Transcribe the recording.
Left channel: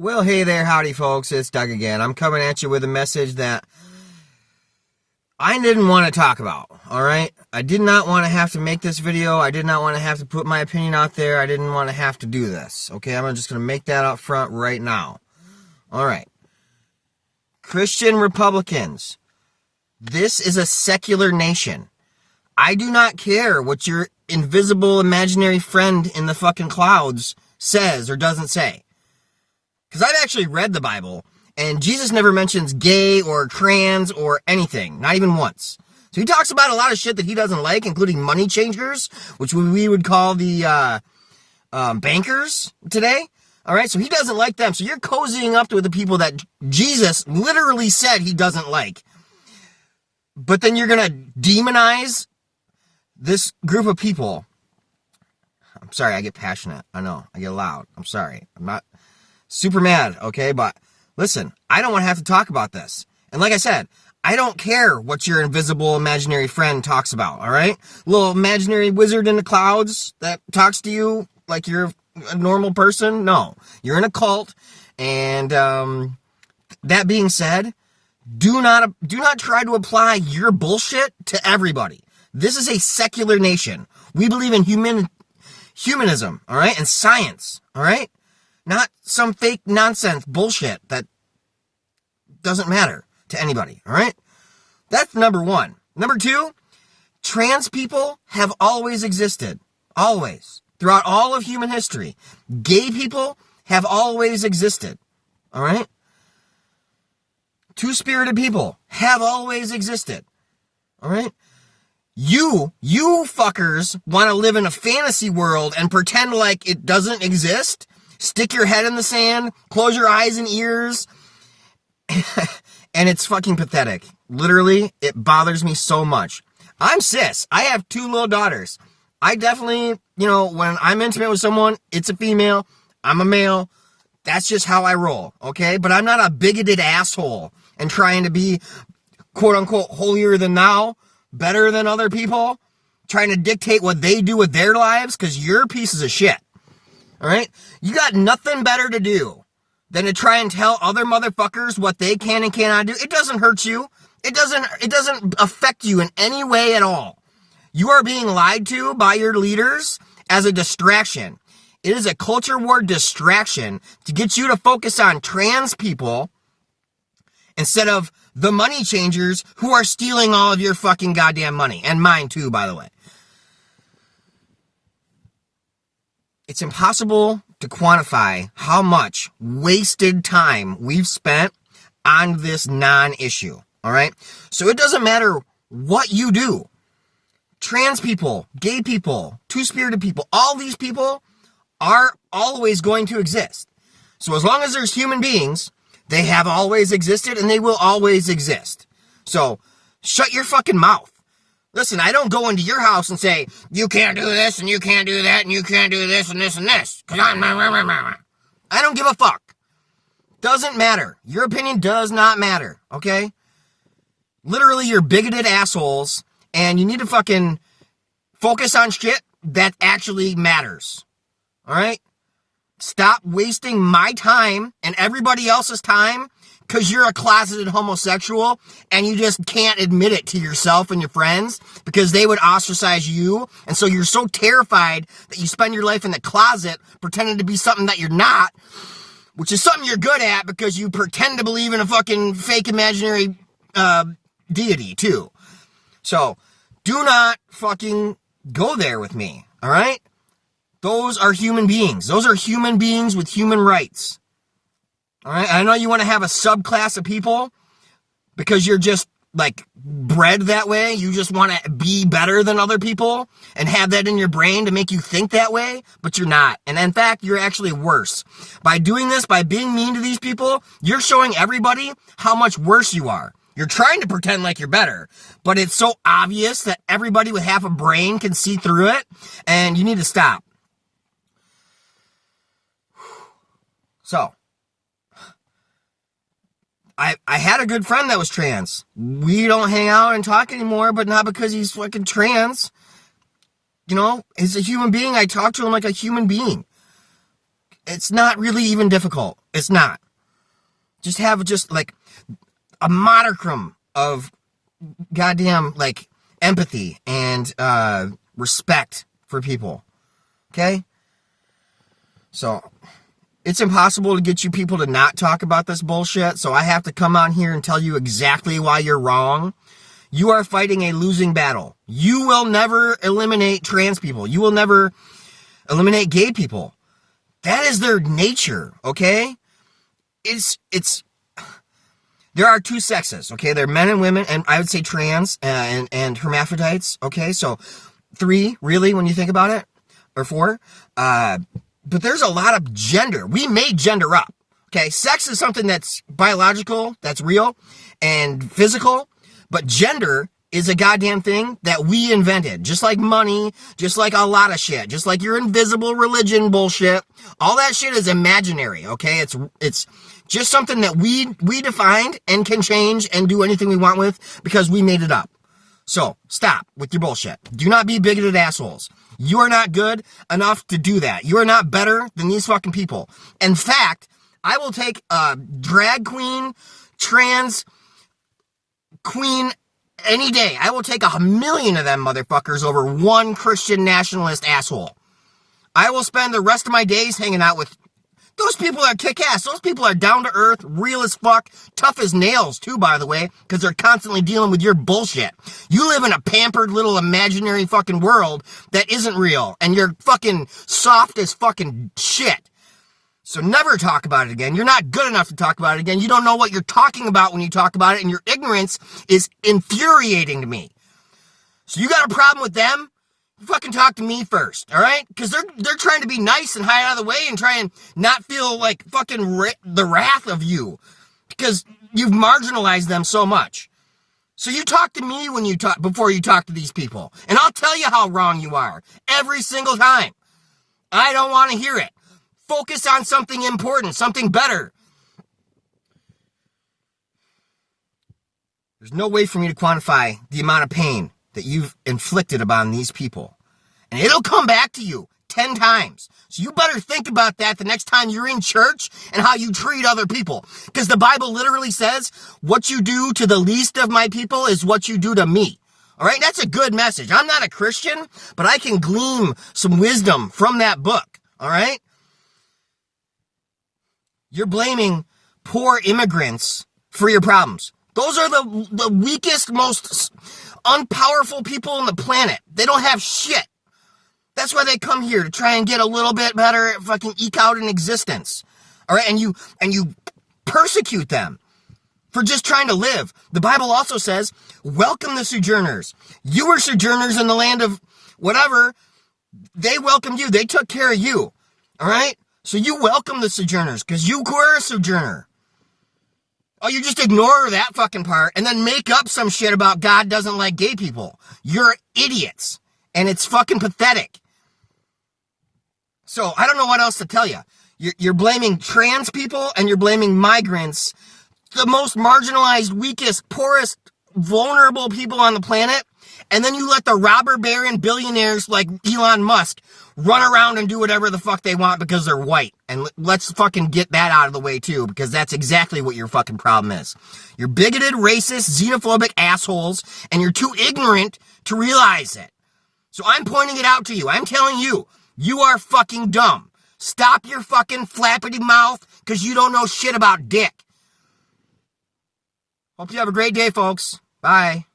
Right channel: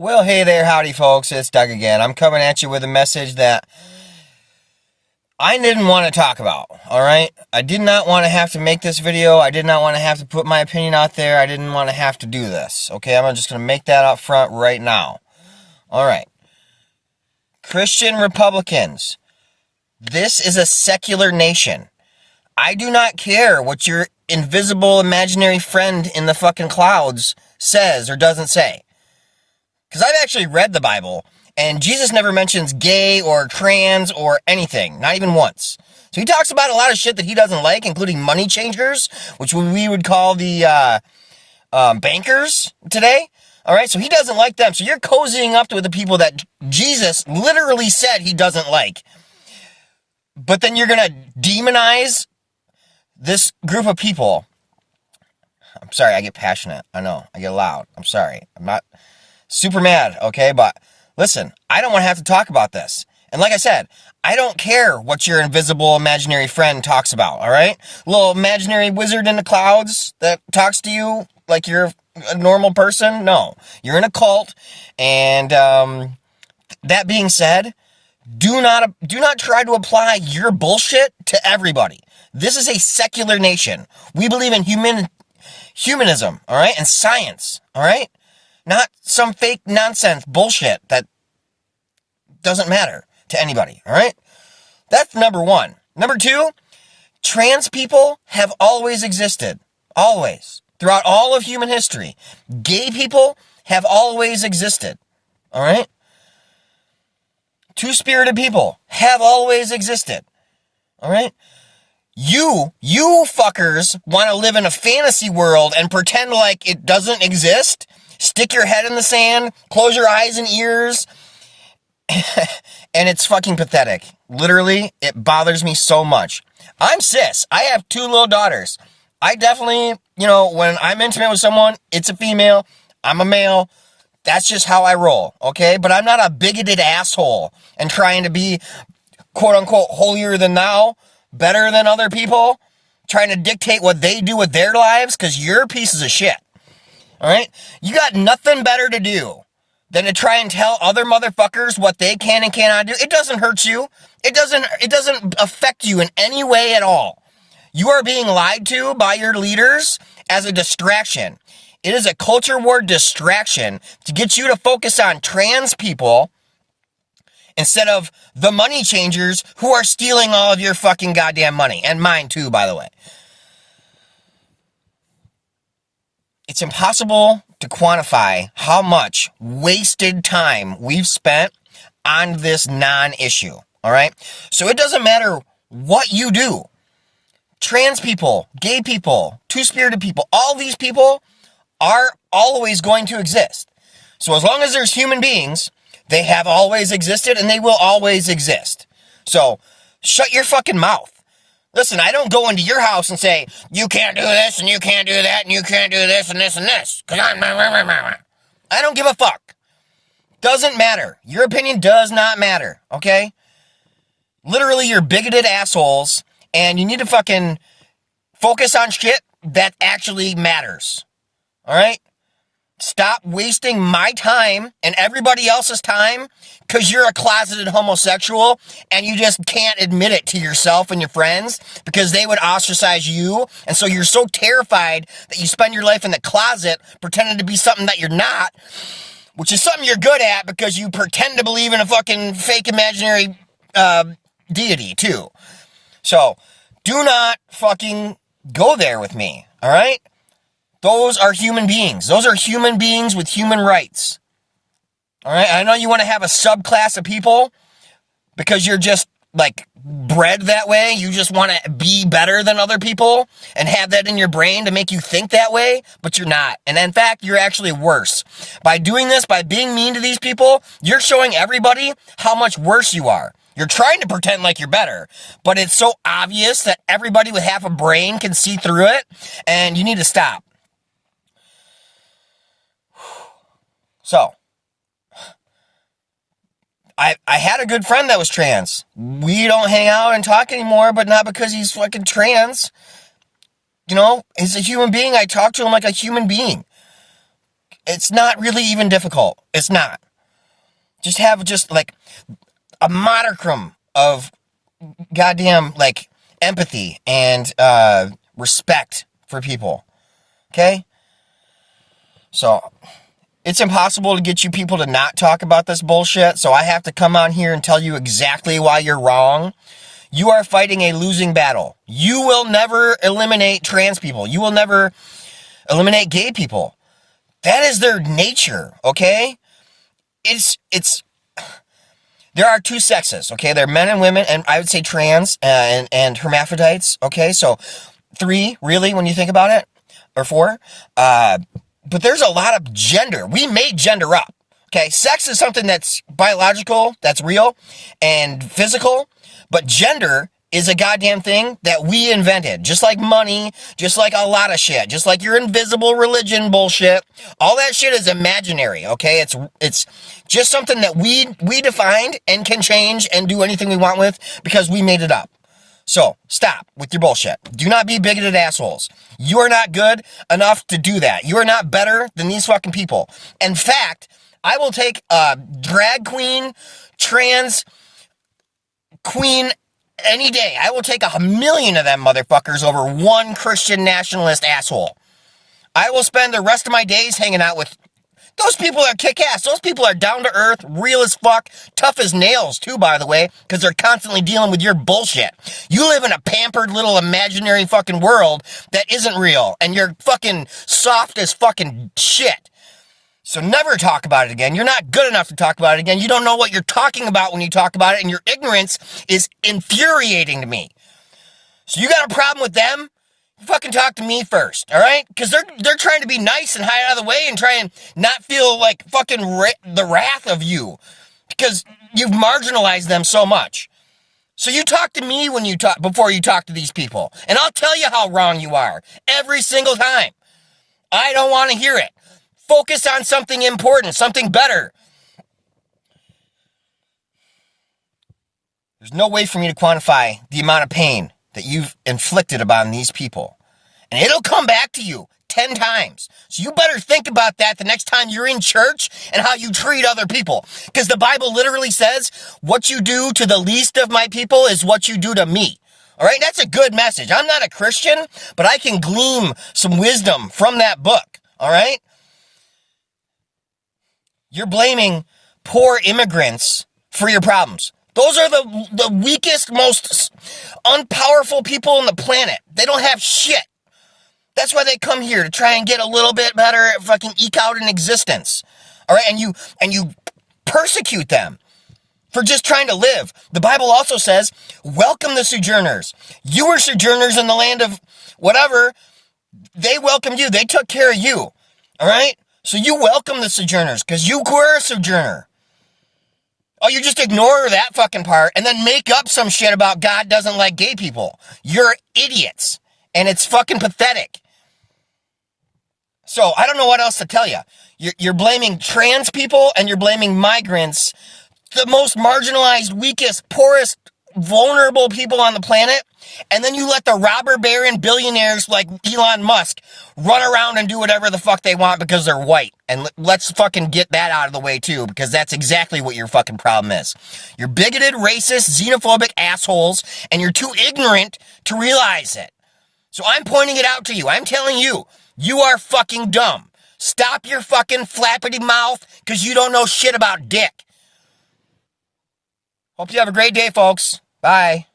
Well, hey there, howdy folks, it's Doug again. I'm coming at you with a message that I didn't want to talk about, alright? I did not want to have to make this video. I did not want to have to put my opinion out there. I didn't want to have to do this, okay? I'm just going to make that up front right now. Alright. Christian Republicans, this is a secular nation. I do not care what your invisible imaginary friend in the fucking clouds says or doesn't say. Because I've actually read the Bible, and Jesus never mentions gay or trans or anything, not even once. So he talks about a lot of shit that he doesn't like, including money changers, which we would call the bankers today. All right, so he doesn't like them. So you're cozying up with the people that Jesus literally said he doesn't like. But then you're going to demonize this group of people. I'm sorry, I get passionate. I know, I get loud. I'm sorry. I'm not super mad, okay? But listen, I don't want to have to talk about this. And like I said, I don't care what your invisible imaginary friend talks about, all right? Little imaginary wizard in the clouds that talks to you like you're a normal person? No, you're in a cult. And that being said, do not try to apply your bullshit to everybody. This is a secular nation. We believe in humanism, all right? And science, all right? Not some fake nonsense bullshit that doesn't matter to anybody, all right? That's number one. Number two, trans people have always existed. Always. Throughout all of human history. Gay people have always existed, all right? Two-spirited people have always existed, all right? You fuckers want to live in a fantasy world and pretend like it doesn't exist. Stick your head in the sand, close your eyes and ears, and it's fucking pathetic. Literally, it bothers me so much. I'm cis. I have 2 little daughters. I definitely, when I'm intimate with someone, it's a female, I'm a male. That's just how I roll, okay? But I'm not a bigoted asshole and trying to be, quote-unquote, holier than thou, better than other people, trying to dictate what they do with their lives, because you're pieces of shit. All right? You got nothing better to do than to try and tell other motherfuckers what they can and cannot do. It doesn't hurt you. It doesn't affect you in any way at all. You are being lied to by your leaders as a distraction. It is a culture war distraction to get you to focus on trans people instead of the money changers who are stealing all of your fucking goddamn money. And mine too, by the way. It's impossible to quantify how much wasted time we've spent on this non-issue, all right? So it doesn't matter what you do. Trans people, gay people, two-spirited people, all these people are always going to exist. So as long as there's human beings, they have always existed and they will always exist. So shut your fucking mouth. Listen, I don't go into your house and say, you can't do this, and you can't do that, and you can't do this, and this, and this. Because I don't give a fuck. Doesn't matter. Your opinion does not matter, okay? Literally, you're bigoted assholes, and you need to fucking focus on shit that actually matters. All right? Stop wasting my time and everybody else's time because you're a closeted homosexual and you just can't admit it to yourself and your friends because they would ostracize you. And so you're so terrified that you spend your life in the closet pretending to be something that you're not, which is something you're good at because you pretend to believe in a fucking fake imaginary deity too. So do not fucking go there with me, all right? Those are human beings. Those are human beings with human rights. All right? I know you want to have a subclass of people because you're just, bred that way. You just want to be better than other people and have that in your brain to make you think that way, but you're not. And in fact, you're actually worse. By doing this, by being mean to these people, you're showing everybody how much worse you are. You're trying to pretend like you're better, but it's so obvious that everybody with half a brain can see through it, and you need to stop. So, I had a good friend that was trans. We don't hang out and talk anymore, but not because he's fucking trans. He's a human being. I talk to him like a human being. It's not really even difficult. It's not. Just have like a modicum of goddamn like empathy and respect for people. Okay? So it's impossible to get you people to not talk about this bullshit, so I have to come on here and tell you exactly why you're wrong. You are fighting a losing battle. You will never eliminate trans people. You will never eliminate gay people. That is their nature, okay? There are two sexes, okay? They're men and women, and I would say trans and hermaphrodites, okay? So 3, really, when you think about it, or 4. But there's a lot of gender. We made gender up, okay? Sex is something that's biological, that's real, and physical. But gender is a goddamn thing that we invented. Just like money, just like a lot of shit, just like your invisible religion bullshit. All that shit is imaginary, okay? It's just something that we defined and can change and do anything we want with because we made it up. So, stop with your bullshit. Do not be bigoted assholes. You are not good enough to do that. You are not better than these fucking people. In fact, I will take a drag queen, trans queen any day. I will take 1,000,000 of them motherfuckers over one Christian nationalist asshole. I will spend the rest of my days hanging out with those people that kick ass. Those people are down to earth, real as fuck, tough as nails too, by the way, because they're constantly dealing with your bullshit. You live in a pampered little imaginary fucking world that isn't real, and you're fucking soft as fucking shit. So never talk about it again. You're not good enough to talk about it again. You don't know what you're talking about when you talk about it, and your ignorance is infuriating to me. So you got a problem with them? You fucking talk to me first, all right? Because they're trying to be nice and hide out of the way and try and not feel like fucking the wrath of you because you've marginalized them so much. So you talk to me when you talk before you talk to these people, and I'll tell you how wrong you are every single time. I don't want to hear it. Focus on something important, something better. There's no way for me to quantify the amount of pain that you've inflicted upon these people. And it'll come back to you 10 times. So you better think about that the next time you're in church and how you treat other people. Because the Bible literally says, what you do to the least of my people is what you do to me. All right, that's a good message. I'm not a Christian, but I can glean some wisdom from that book. All right? You're blaming poor immigrants for your problems. Those are the weakest, most unpowerful people on the planet. They don't have shit. That's why they come here, to try and get a little bit better, fucking eke out an existence. All right, and you persecute them for just trying to live. The Bible also says, welcome the sojourners. You were sojourners in the land of whatever. They welcomed you. They took care of you. All right? So you welcome the sojourners because you were a sojourner. Oh, you just ignore that fucking part and then make up some shit about God doesn't like gay people. You're idiots. And it's fucking pathetic. So I don't know what else to tell you. You're blaming trans people and you're blaming migrants, the most marginalized, weakest, poorest, vulnerable people on the planet. And then you let the robber baron billionaires like Elon Musk run around and do whatever the fuck they want because they're white. And let's fucking get that out of the way too, because that's exactly what your fucking problem is. You're bigoted, racist, xenophobic assholes, and you're too ignorant to realize it. So I'm pointing it out to you. I'm telling you, you are fucking dumb. Stop your fucking flappity mouth because you don't know shit about dick. Hope you have a great day, folks. Bye.